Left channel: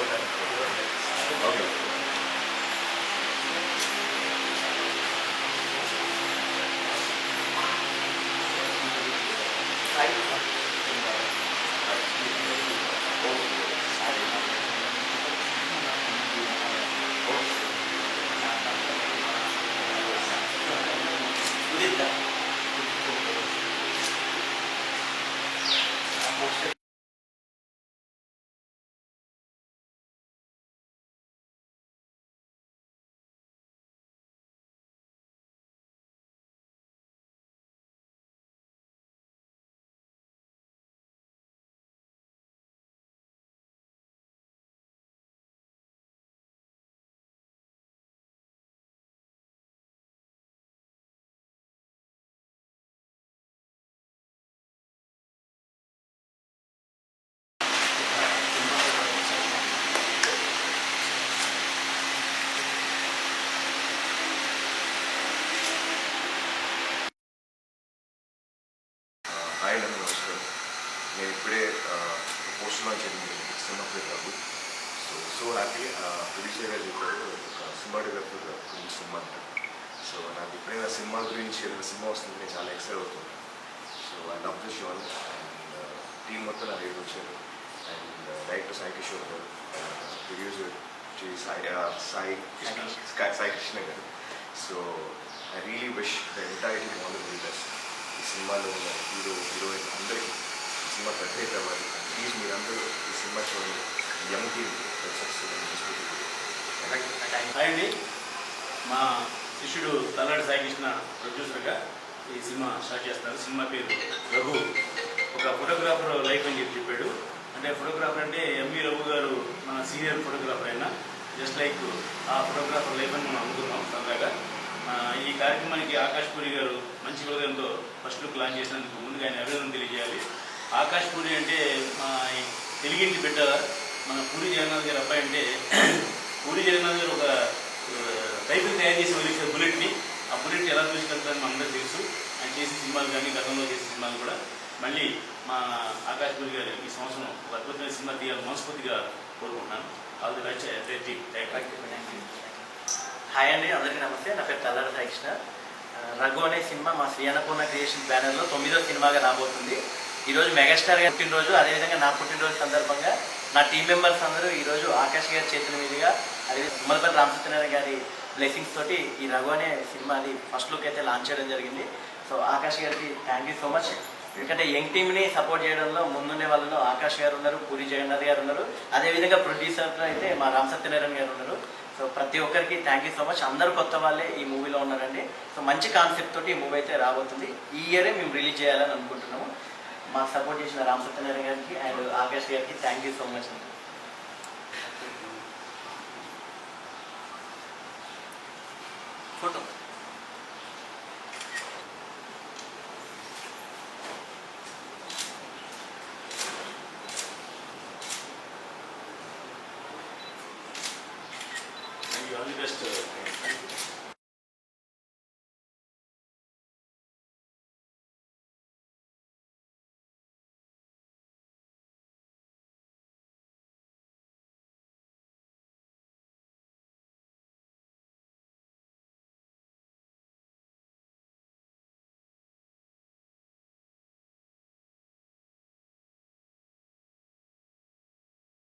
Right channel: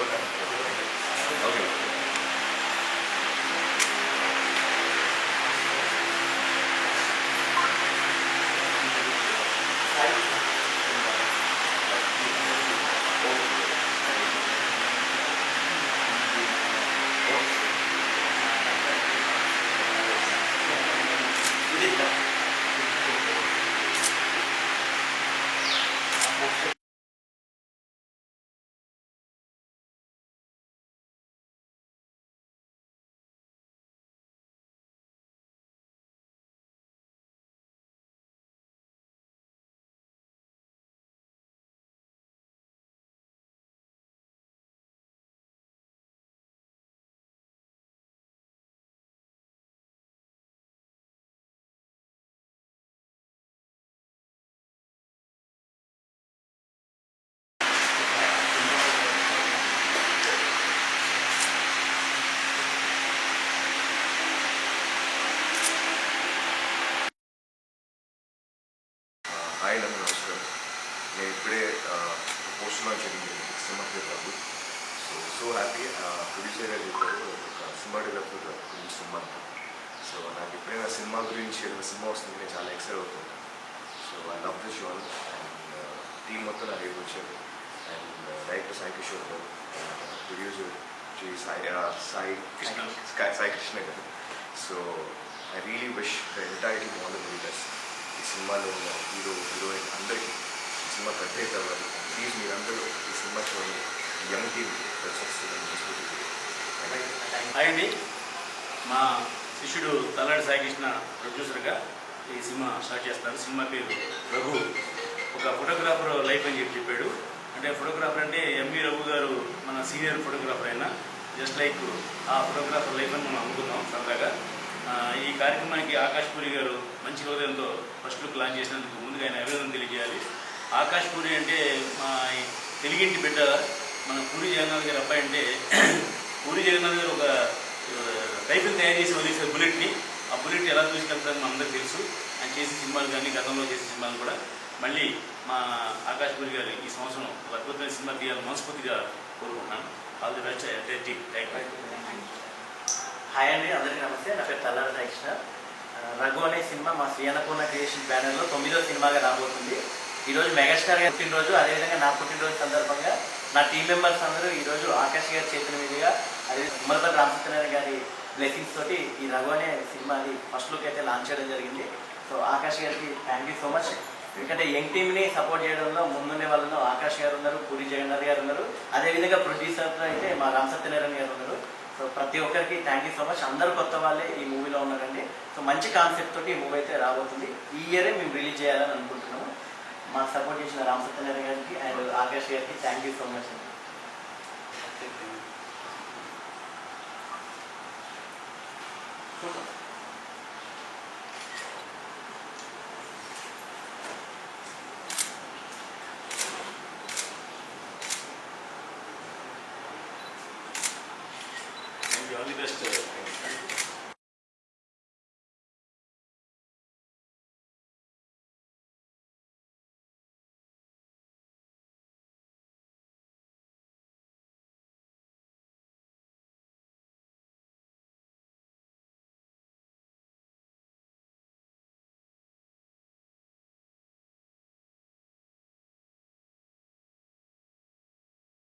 Okay. Hi అండి, నమస్కారం. నేను ఇప్పుడే పోస్ట్ లాంచ్ అయింది సినిమా పేరు రఘు. So happy. ప్రొడ్యూసర్ గారు చెప్పారు ఒక సినిమాటోగ్రాఫర్ గురించి సినిమా అంటారు. సో నాకు ఎప్పుడైనా సినిమా గురించి ఏదైనా సినిమా వస్తుంది నేను చాలా ఎక్సైట్ అవుతుంటాను. So I love this show and team మొత్తం నా దగ్గరికి వచ్చారు. అండ్ డైరెక్టర్ సాయి కిషోర్ గారు, ప్రొడ్యూసర్ సాయి కృష్ణ గారు. So I really wish the entire team all the very best. ఈ సినిమాలో ఉన్న హీరో హీరోయిన్ అందరికీ ఈ సినిమా పెద్ద హిట్ అవ్వాలి. ప్లీజ్ మీరందరూ ఈ సినిమా చూడండి. యంగ్ టీమ్ హాయ్ అండి, మా శిష్యుడు తల్లాడి సాయికృష్ణ ప్రొడ్యూసర్గా ఈ సినిమా స్టార్ట్ చేస్తారు. సినిమా పేరు రఘు. ఒక ఫోటోగ్రాఫర్ లైఫ్ అని చెప్పాడు. అంటే ఫోటోగ్రాఫర్ అంటే ఎంవి రఘు గారు మన సీనియర్ ఫోటోగ్రాఫర్ అయినా జస్ట్ లైక్ ఆ ఫోటోగ్రాఫర్ లైఫ్ అని మనం అనుకుందాం సరదాగా. ఈ కార్యక్రమానికి ఆకాష్ పూరి గారు మంచి హృదయంతో ఫస్ట్ లుక్ లాంచ్ చేసినందుకు ముందుగా ఆయన అభినందన తెలియజేయాలి. ఆకాష్ పూరి అంటే మా తెలుగింటి బిడ్డ మన పూరి జగన్నాథ్ గారి అబ్బాయి. అంటే పూరి జగన్నాథ్ గారు ఒక రైఫిల్ తయారు చేసి వదిలేసారు బుల్లెట్ని. ఆ బుల్లెట్ ఎలా చూసుకెళ్తారని మనందరికీ తెలుసు. ఆయన చేసిన సినిమాలు కానీ గతంలో చేసిన సినిమాలు కూడా మళ్ళీ మా ఆకాష్ పూరి గారు ఈ సంవత్సరం ఒక అద్భుతమైన సినిమా తీయాలని మనస్ఫూర్తిగా కోరుకుంటున్నాను. All the best. Thank you. Hi అండి, అందరికీ నమస్తే. నా పేరు తల్లాడి సాయికృష్ణ. రఘు అనే సినిమా మా శ్రీ అన్నపూర్ణ క్రియేషన్ బ్యానర్లో 9వ సినిమాగా రాబోతుంది. ఈరోజు మెగాస్టార్ గారి పుట్టినరోజు, అదేవిధంగా నా పుట్టినరోజు సందర్భంగా నా టీం మెంబర్స్ అందరూ ఈరోజు ఆకాష్ గారి చేతుల మీదుగా అదే ఉమ్మలపల్లి రామసత్యనారాయణ గారి బ్లెస్సింగ్స్ తోటి ఈ రఘు అనే సినిమా అది ఫస్ట్ లుక్ అయితే లాంచ్ చేయడం జరిగింది. సో ఆకాష్ గారికి థ్యాంక్ యూ సో మచ్. ఎందుకంటే యంగ్ టీమ్ని సపోర్ట్ చేయడంలో ముందుండే వాళ్ళలో ఆకాష్ గారు ఉన్నారు, పూరి జగన్నాథ్ గారు ఉన్నారు, అదేవిధంగా ప్రొడ్యూసర్లో అయితే మా రామసత్యనారాయణ గారు ఉన్నారు. సో ప్రతి ఒక్కరికి థ్యాంక్ యూ సో మచ్. అందరూ కొత్త వాళ్ళే ఈ మూవీలో ఉన్నారండి. సో మంచి కాన్సెప్ట్ తోటి ఈ మూవీ అయితే రాబోతుంది. ఈ ఇయరే మేము రిలీజ్ చేయాలని అనుకుంటున్నాము. మాకు సపోర్ట్ చేసిన రామసత్యనారాయణ గారికి అండ్ ఆకాష్ గారికి థ్యాంక్ యూ సో మచ్ అండి. Photo all the best.